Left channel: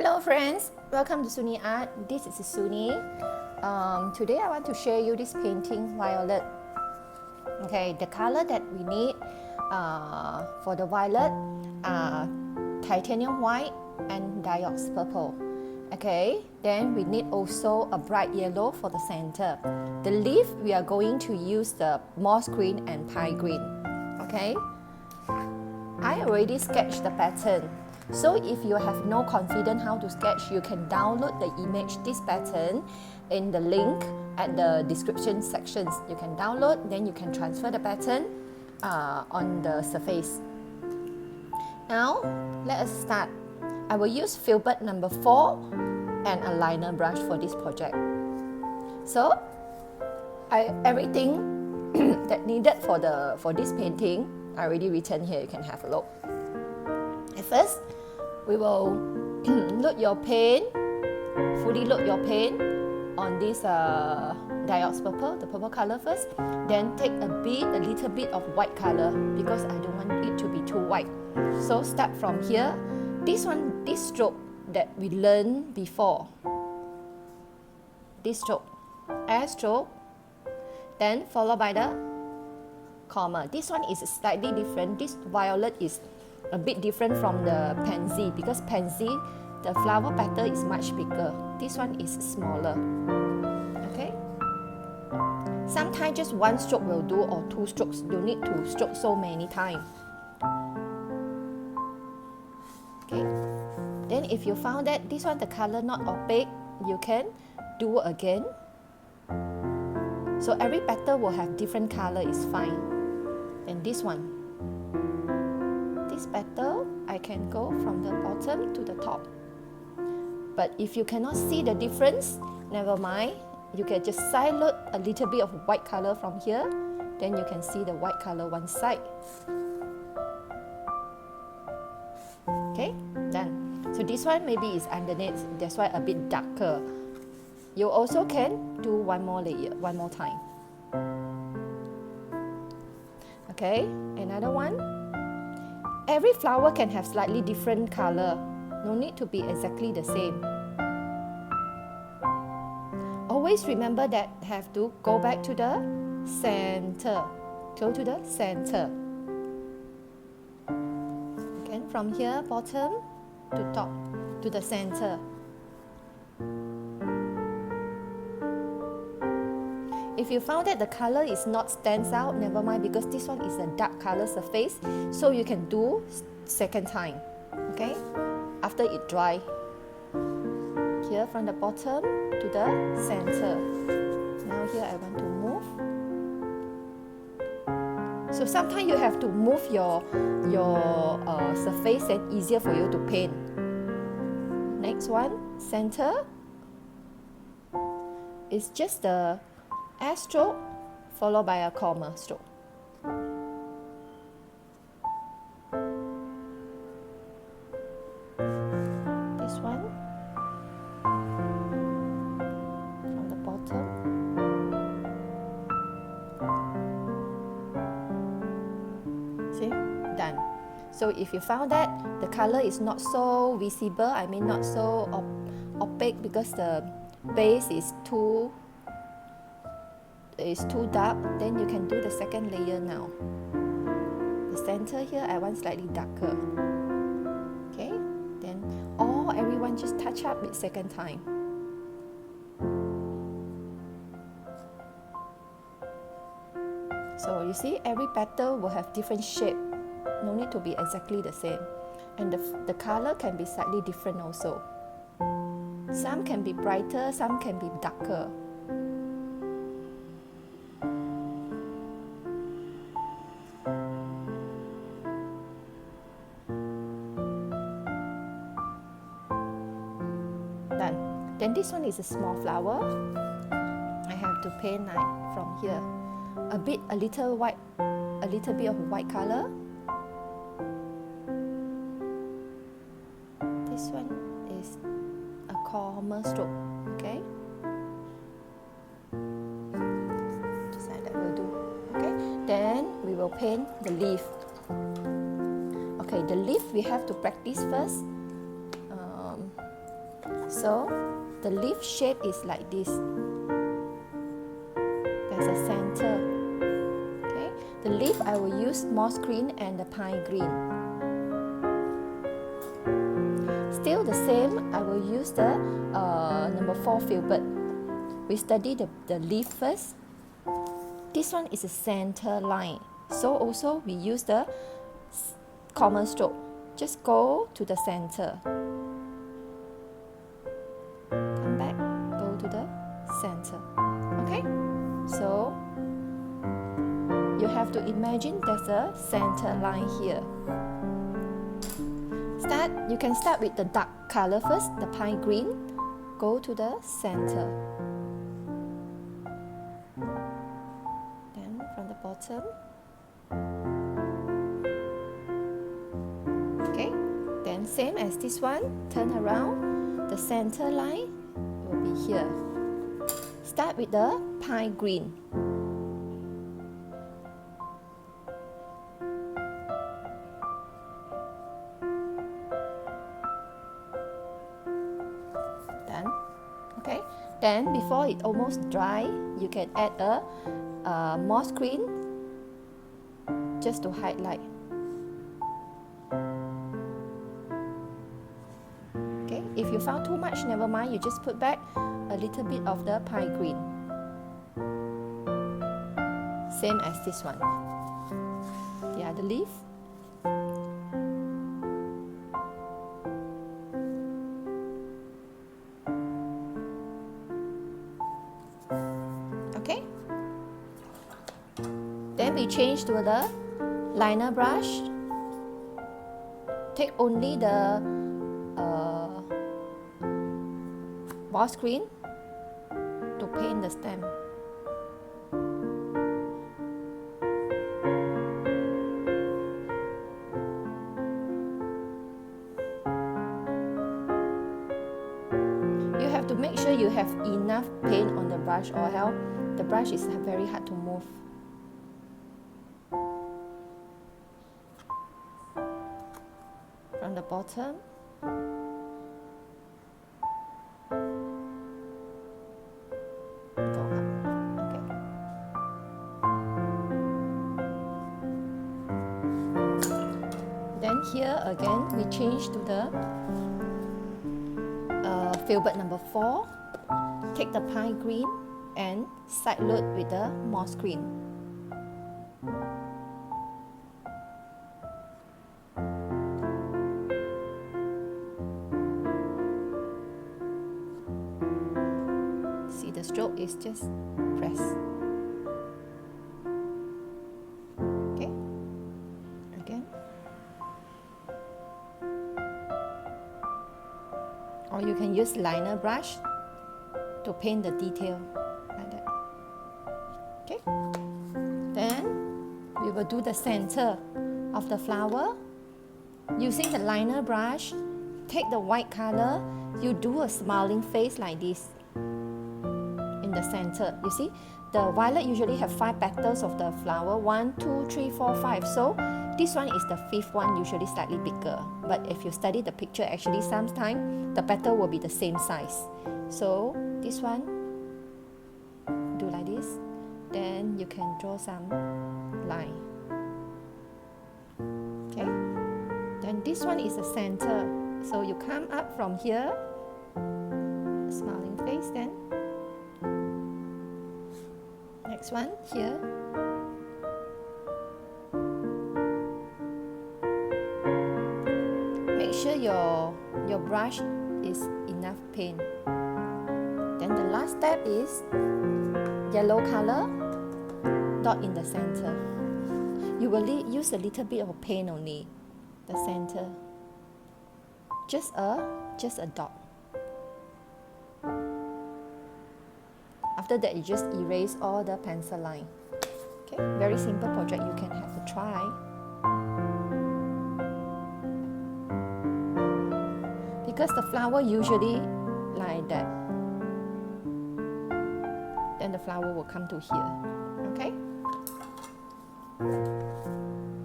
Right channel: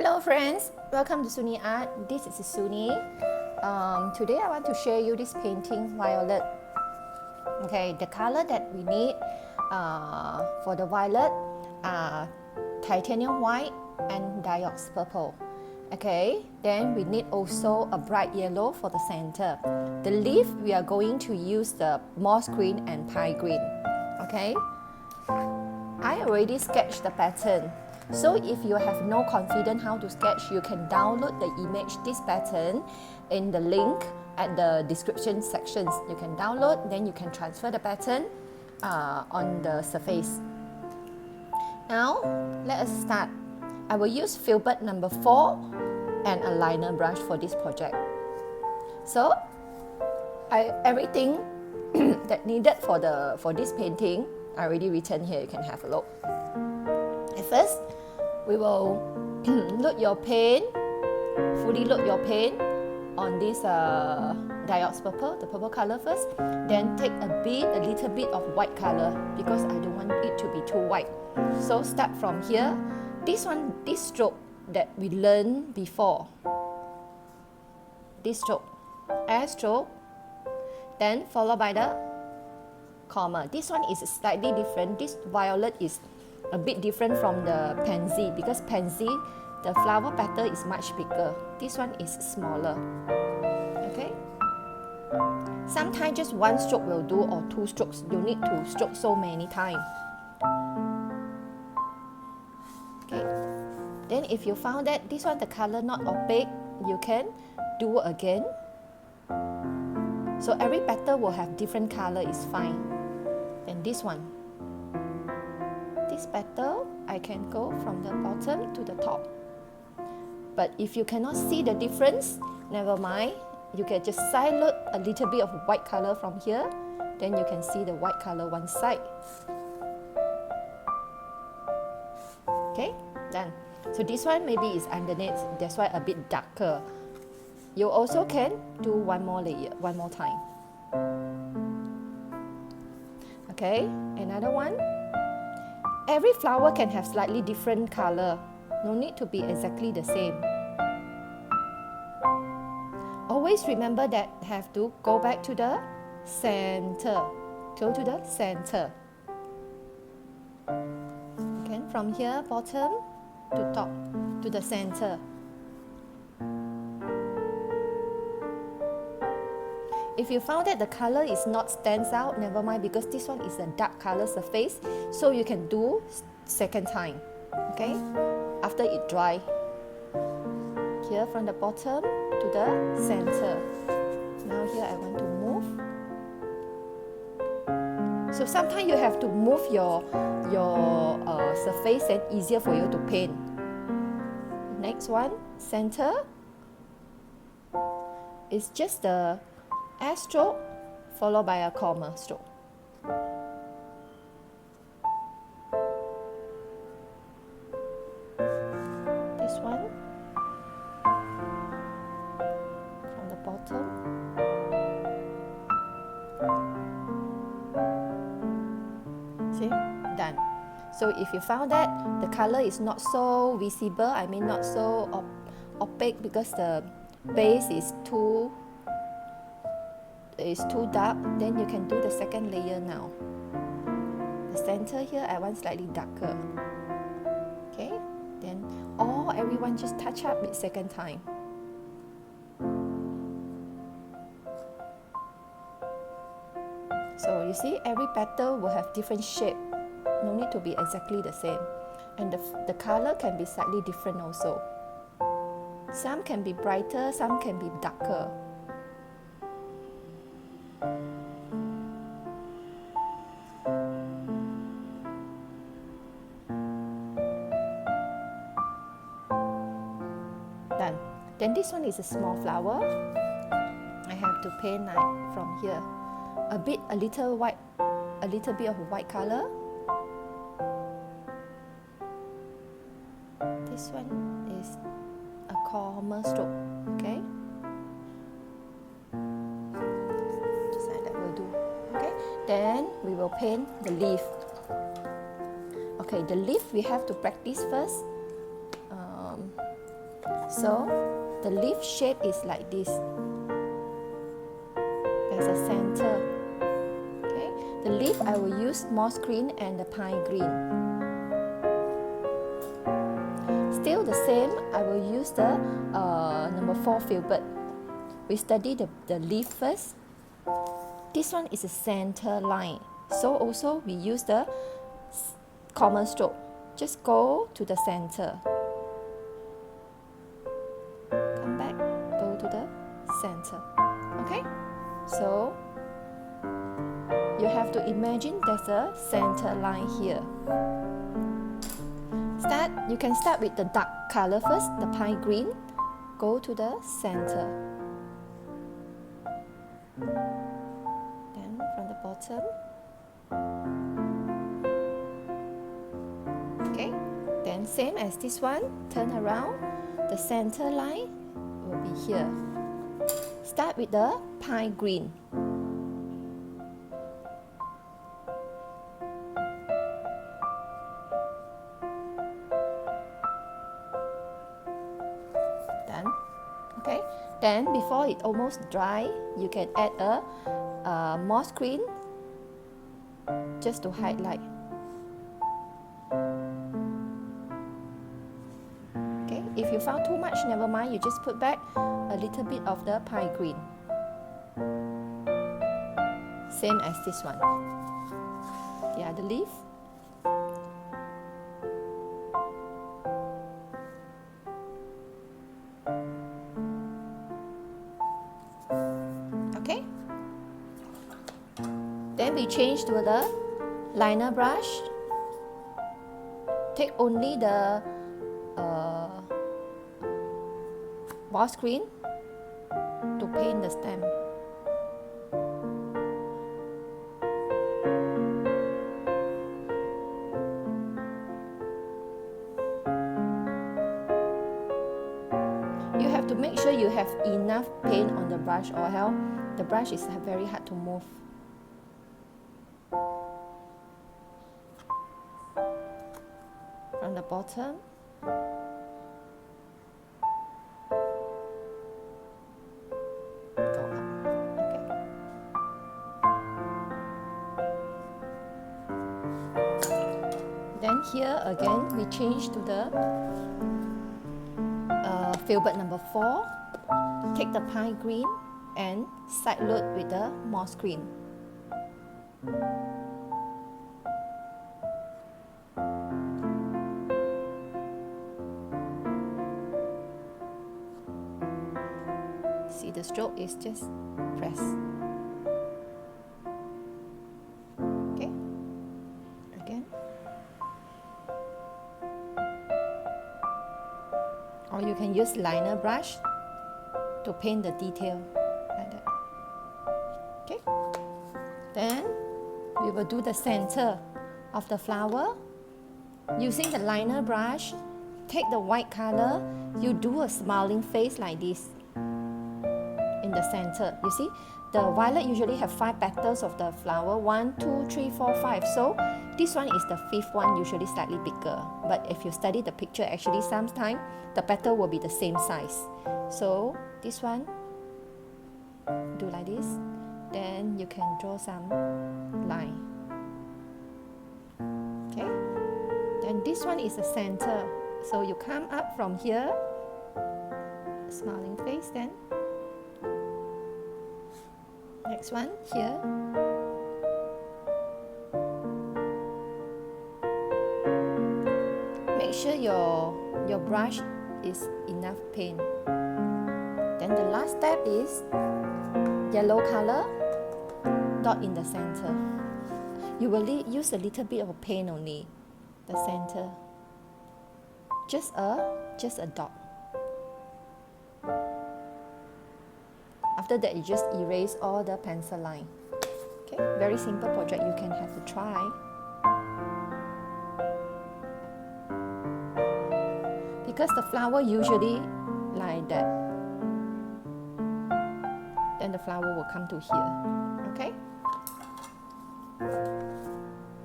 Hello friends, welcome to SuNi Art. This is SuNi. Today I want to share you this painting, Violet. Okay, the color that we need for the violet are titanium white and dries purple. Okay, then we need also a bright yellow for the center. The leaf we are going to use the moss green and pine green. Okay, I already sketched the pattern. So if you have no confidence how to sketch, you can download the image, this pattern, in the link at the description sections. You can download, then you can transfer the pattern on the surface. Now, let us start. I will use filbert number 4 and a liner brush for this project. So, everything that needed for this painting, I already written here, you can have a look. At first, we will load your paint, fully load your paint on this dries purple, the purple color first. Then take a little bit of white color because I don't want it to be too white. So start from here. This stroke that we learned before. This stroke, air stroke, then followed by the comma. This one is slightly different. This violet is a bit different from the pansy because pansy, the flower petal is much bigger. This one is smaller. Okay. Sometimes just one stroke will do or 2 strokes. You need to stroke so many times. Okay. Then if you found that this one the color not opaque, you can do again. So every petal will have different color is fine. And this one. This petal, I can go from the bottom to the top. But if you cannot see the difference, never mind. You can just side load a little bit of white color from here. Then you can see the white color one side. Okay, done. So this one maybe is underneath, that's why a bit darker. You also can do one more layer, one more time. Okay, another one. Every flower can have slightly different color. No need to be exactly the same. Always remember that have to go back to the center. Go to the center. Again, from here, bottom to top, to the center. If you found that the color is not stands out, never mind because this one is a dark color surface, so you can do second time. Okay, after it dry. Here from the bottom to the center. Now here I want to move. So sometimes you have to move your surface and easier for you to paint. Next one, center. It's just the air stroke followed by a comma stroke. This one from the bottom. See, done. So if you found that the color is not so visible, I mean not so opaque because the base is too dark, then you can do the second layer now. The center here I want slightly darker. Okay, then everyone just touch up it second time. So you see every petal will have different shape. No need to be exactly the same. And the color can be slightly different also. Some can be brighter, some can be darker. Done. Then this one is a small flower. I have to paint like from here. A little white, a little bit of white color. This one is a comma stroke. Okay. Just like that will do. Okay. Then we will paint the leaf. Okay, the leaf we have to practice first. So the leaf shape is like this. There's a center. Okay, the leaf I will use moss green and the pine green. Still the same, I will use the number 4 filbert. We study the leaf first. This one is a center line. So also we use the common stroke. Just go to the center. Come back, go to the center. Okay? So you have to imagine there's a center line here. You can start with the dark color first, the pine green. Go to the center. Then from the bottom. Okay, then same as this one, turn around. The center line will be here. Start with the pine green. Done. Okay, then before it almost dry, you can add a moss green just to highlight. Okay, if you found too much, never mind, you just put back a little bit of the pine green. Same as this one. The other leaf. Okay. Then we change to the liner brush. Take only the moss green to paint the stem. You have to make sure you have enough paint on the brush, or else the brush is very hard to move. From the bottom. Go up. Okay. Then here again we change to the filbert number 4. Take the pine green and side load with the moss green. See, the stroke is just press. Okay, again. Or you can use liner brush to paint the detail like that. Okay, then we will do the center of the flower. Using the liner brush, take the white color, you do a smiling face like this in the center. You see, the violet usually have 5 petals of the flower, 1, 2, 3, 4, 5. So this one is the 5th one, usually slightly bigger. But if you study the picture, actually sometimes the petal will be the same size. So this one, do like this. Then you can draw some line. Okay. Then this one is the center. So you come up from here, smiling face, then next one here. Make sure your brush is enough paint. Then the last step is yellow color, dot in the center. You will use a little bit of paint only, the center. Just a dot. After that, you just erase all the pencil line. Okay, very simple project. You can have a try. Because the flower usually like that. Then the flower will come to here. Okay?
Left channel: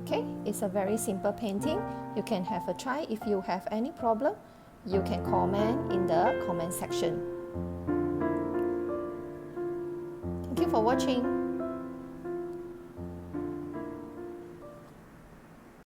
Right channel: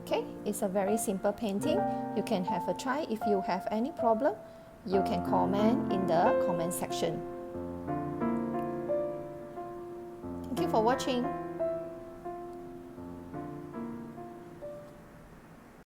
Okay, it's a very simple painting. You can have a try. If you have any problem, you can comment in the comment section. Thank you for watching.